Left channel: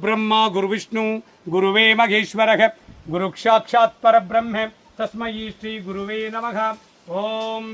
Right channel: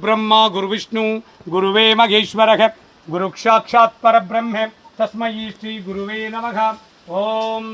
गुरुर्ब्रह्मा गुरुविष्णु गुरुवे महेश्वरः गुरुसाक्षात् परब्रह्म तस्मै श्री गुरुवे नमः। ओम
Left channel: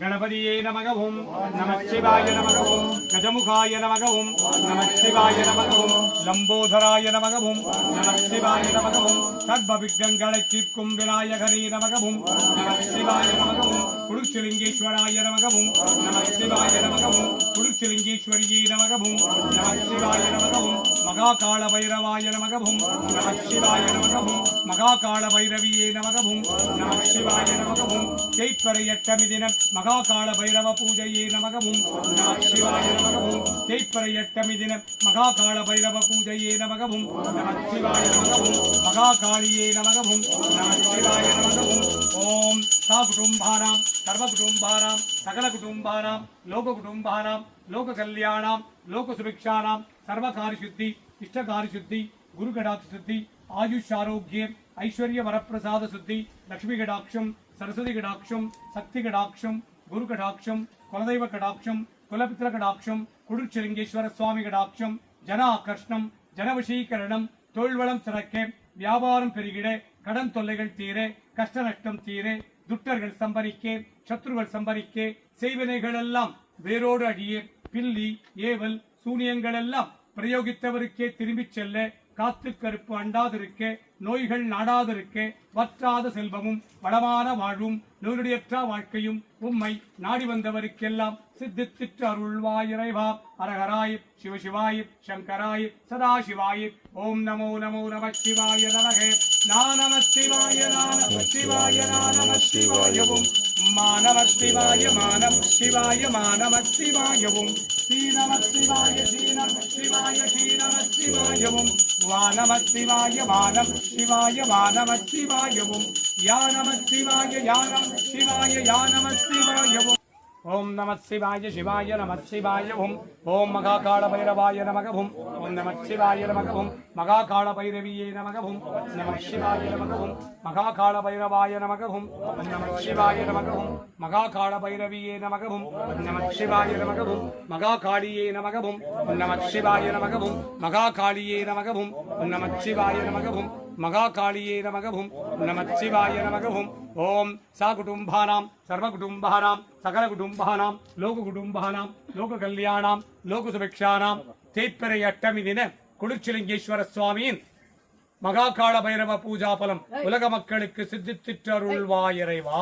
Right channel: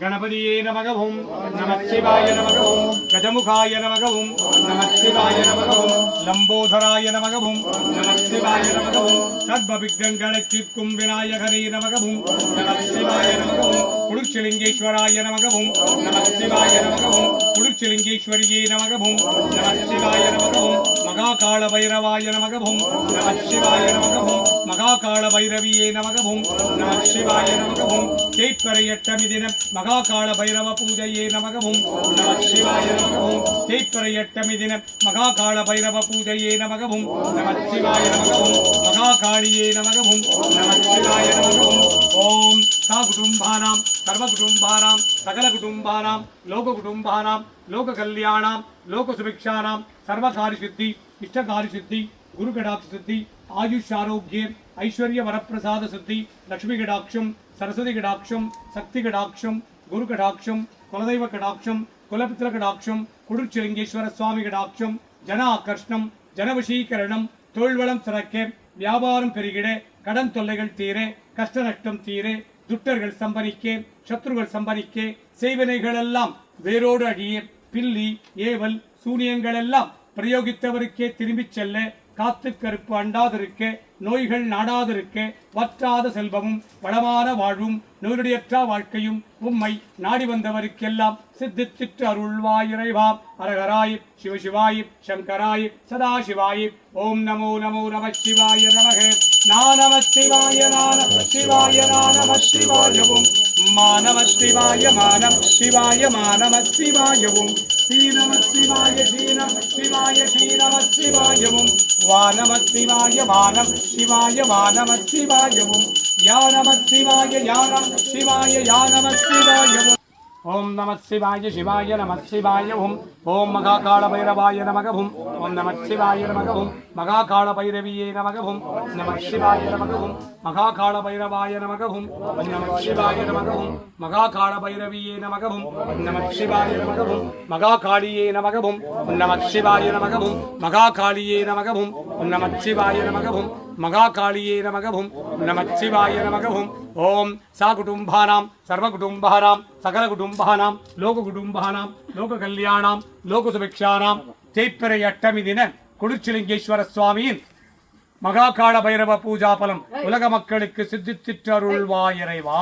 गणपतिये नमः। ओम नमः शिवाय नमः। ओम गजमुखाय नमः। ओम नमः शिवाय नमः। ओम लंबोदराय नमः। ओम नमः शिवाय नमः। ओम सर्वविघ्नगणचित्कुं विनायकरे नमः। ओम नमः शिवाय नमः। ओम कुरुक्षलिंगेश्वराय नमः। ओम नमः शिवाय नमः। ओम कुरुक्षलिंगेश्वरिये नमः। ओम नमः शिवाय नमः। ओम महाकाल भैरवाय नमः। ओम नमः शिवाय नमः। ओम महाकाल भैरविये नमः। ओम नमः शिवाय नमः। ओम चैत्रयट्टमिदिन महाकाल भैरव पूजये नमः। ओम नमः शिवाय नमः। ओम चैत्रयट्टमिदिन महाकाल भैरव पूजये नमः। ओम नमः शिवाय नमः। ओम महाकालिये नमः। ओम नमः शिवाय नमः। ओम साकुटुम्बानां सर्वकुटुम्बानां सकलकुटुम्बानां लोककुटुम्बानां लोककल्याणां लोकसुभिक्षाणां सर्वकार्यसिद्धि इष्टकार्यसिद्धि गुरुकटाक्षसिद्धि आयुष्यारोग्य ऐश्वर्य वरप्रसाद सिद्धि लक्ष्मी कटाक्षम सरस्वती कटाक्षम शक्ति कटाक्षम गुरु कटाक्षम कुलदैव कटाक्षम कुलपुत्र कटाक्षम कुरुक्षलिंगेश्वर स्वामी कटाक्षम जन आकर्षणम जनवशीकरणम तोल्वलम सिறக்க வியாபாரம் பெருகிட கடன் தொல்லைகள் தீர கஷ்ட நஷ்டம் தீர துட்டர்கள் சம்பரிக்க சத்ருகள் சம்பரிக்க செய்வினைகள் எல்லாம் வேரோடு அழிய பில்லி ஏவல் சூனியங்கள் எல்லாம் பிரயோகித்தவருக்கே திரும்பிச் செல்ல காத்து கருப்பு அண்டாதிருக்க நோய்கள் நாடாதிருக்க வற்றாத செல்வமும் வளமான வாழ்வும் நூறுடையற்ற வாழ்க்கையும் உம்மை நாடி வந்தவருக்கெல்லாம் சித்தித்திற்று அருள்வாய் இறைவா. அரகராய் சிவசிவாய் சங்கராய் சதாசிவாய். ஓம் நமோ நமோ நம சிவாய நமக. நம சிவாய நம சிவாய நம சிவாயவும் மானவ சிவாய மானவ சிவாய மானவ சிவாயவும் ஸ்ரீநம சிவாய ஸ்ரீநம சிவாய ஸ்ரீநம சிவாயவும் வானவ சிவாய வானவ சிவாய வானவ சிவாயவும் யானவ சிவாய யானவ சிவாய யானவ சிவாயவும். ओम नमः शिवाय शिवाय नमः शिवाय ओम महाकाल भैरवाय नमः। ओम नमः शिवाय नमः। ओम महाकाल भैरवीये नमः। ओम नमः शिवाय नमः। ओम महाकाल भैरवाय नमः। ओम नमः शिवाय नमः। ओम महाकाल भैरवीये नमः। ओम नमः शिवाय नमः। ओम महाकालिये नमः। ओम नमः शिवाय नमः। ओम महाकालिये नमः। ओम नमः शिवाय नमः। ओम महाकालिये नमः। ओम नमः शिवाय नमः। ओम साकुटुम्बानां सर्वकुटुम्बानां सकलकुटुम्बानां लोककुटुम्बानां लोककल्याणां लोकसुभिक्षाणां चैत्रयट्टमिदिन कुरुक्षलिंगेश्वर स्वामिயின் மகாகால பைரவ பூஜா பலம் உலக மக்களுக்கு சித்தித்திற்று அருள்வாய் இறைவா.